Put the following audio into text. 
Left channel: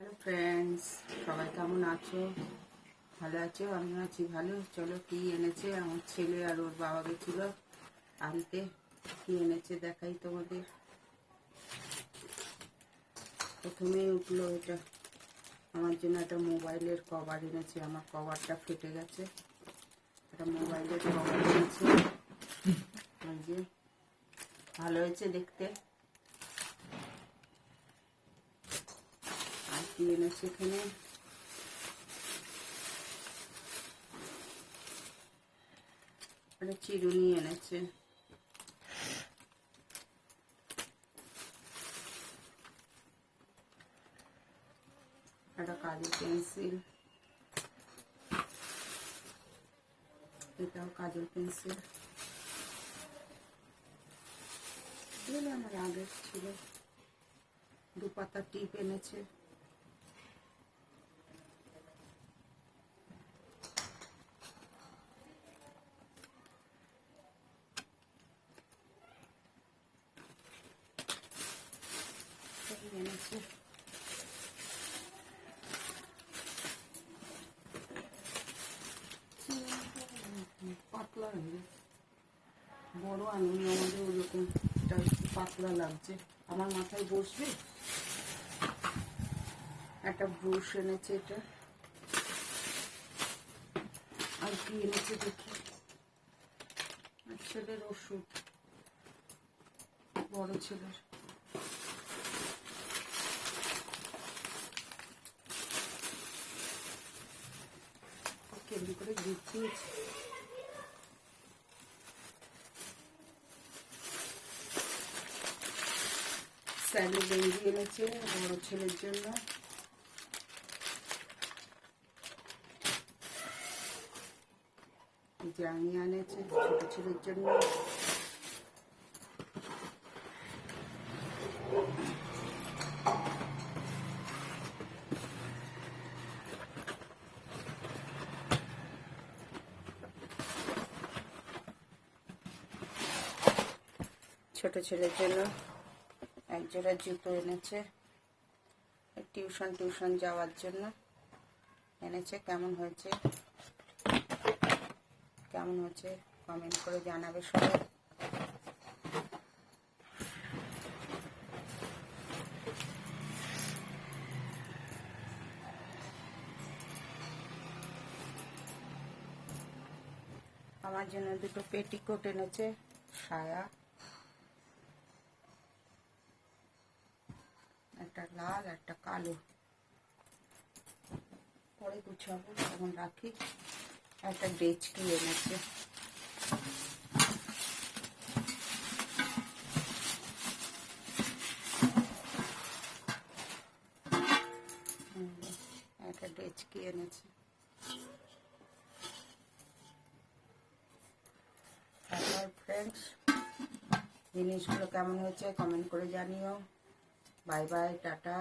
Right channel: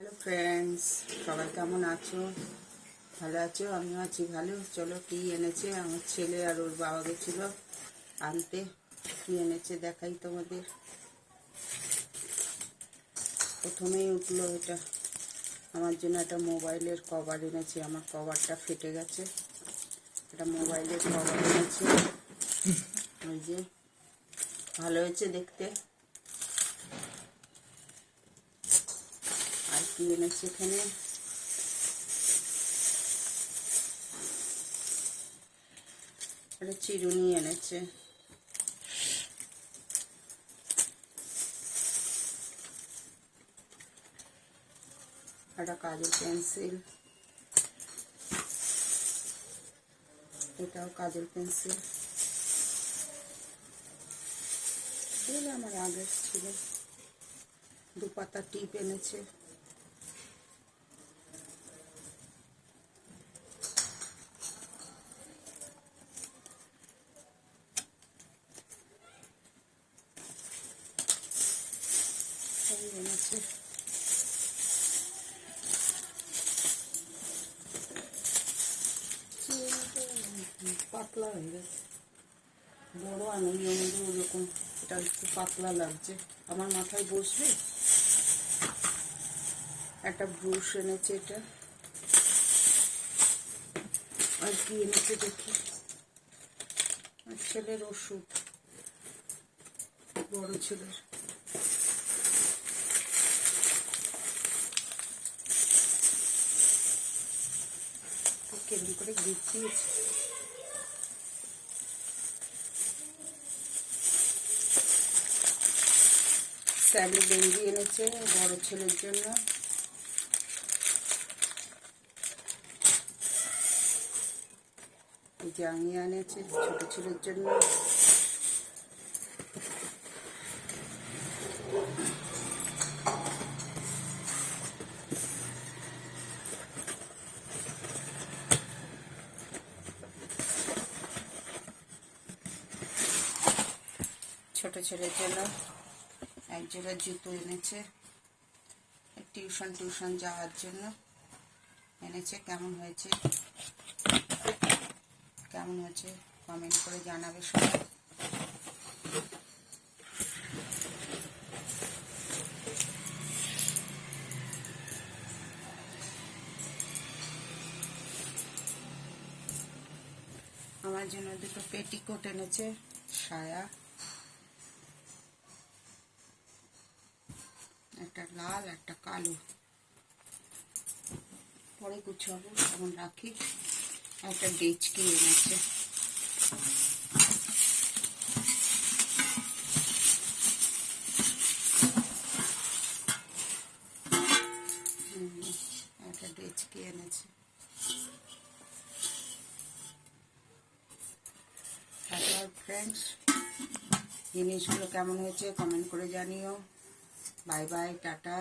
Hello friends, সবাই কেমন আছো? ভালো আছো? আমিও আছি ভালো। চলো, কি এনেছে আমার ছেলে আর ওর বাবা গেছিলো আনতে। কি এনেছে দেখাই তোমাদের। প্রথমেই উঠলো এটা আমার জন্য একটা মোবাইলের কভার এনেছে। আমার কভারটা ফেটে গেছে, এটা মোবাইলের কভার এনেছে। ওই যে, ভালো হয়েছে দেখতে। আর কি এনেছে এখানে, একটা চিরুনি এনেছে। একটা কাজল পেন্সিল, এটাও কাজল পেন্সিল, এগুলো আমার আগের ছিল। দুপাতা টিপ এনেছে। এনেছে পাতলা হয়ে গেছে, বড় আনন্দ আমাদের ওরকম। এটা একটু পাতলা লাগছে, আমার মাথায় বসবে। একটা ব্রুশ এনেছে এটা। আর কি এনেছে দেখি, আর ছেলের ওষুধ, বড় ছেলের। কেমন করে গুছিয়েছে। স্যালি গেঞ্জি এনেছে বড় ছেলের জন্য। জাঙ্গি এনেছে ছোট ছেলের জন্য। ছোট ছেলের জন্য এক জোড়া জুতো এনেছে, টিউশন যাওয়ার জন্য এনেছে। কেমন হয়েছে কমেন্ট করে জানাবে সবাই। আমার জন্য দুটো পেটিকোট এনেছে, সায়া, একটা লাল একটা কালো। পরে গুছাবো, এখন রাখি। একটা ডেচকি এনেছে। একটা ডেচকি এনেছে। তারপর ফ্রেন্ডস, জিনিসগুলো কেমন হয়েছে কমেন্ট করে জানিও। Bye bye, tata.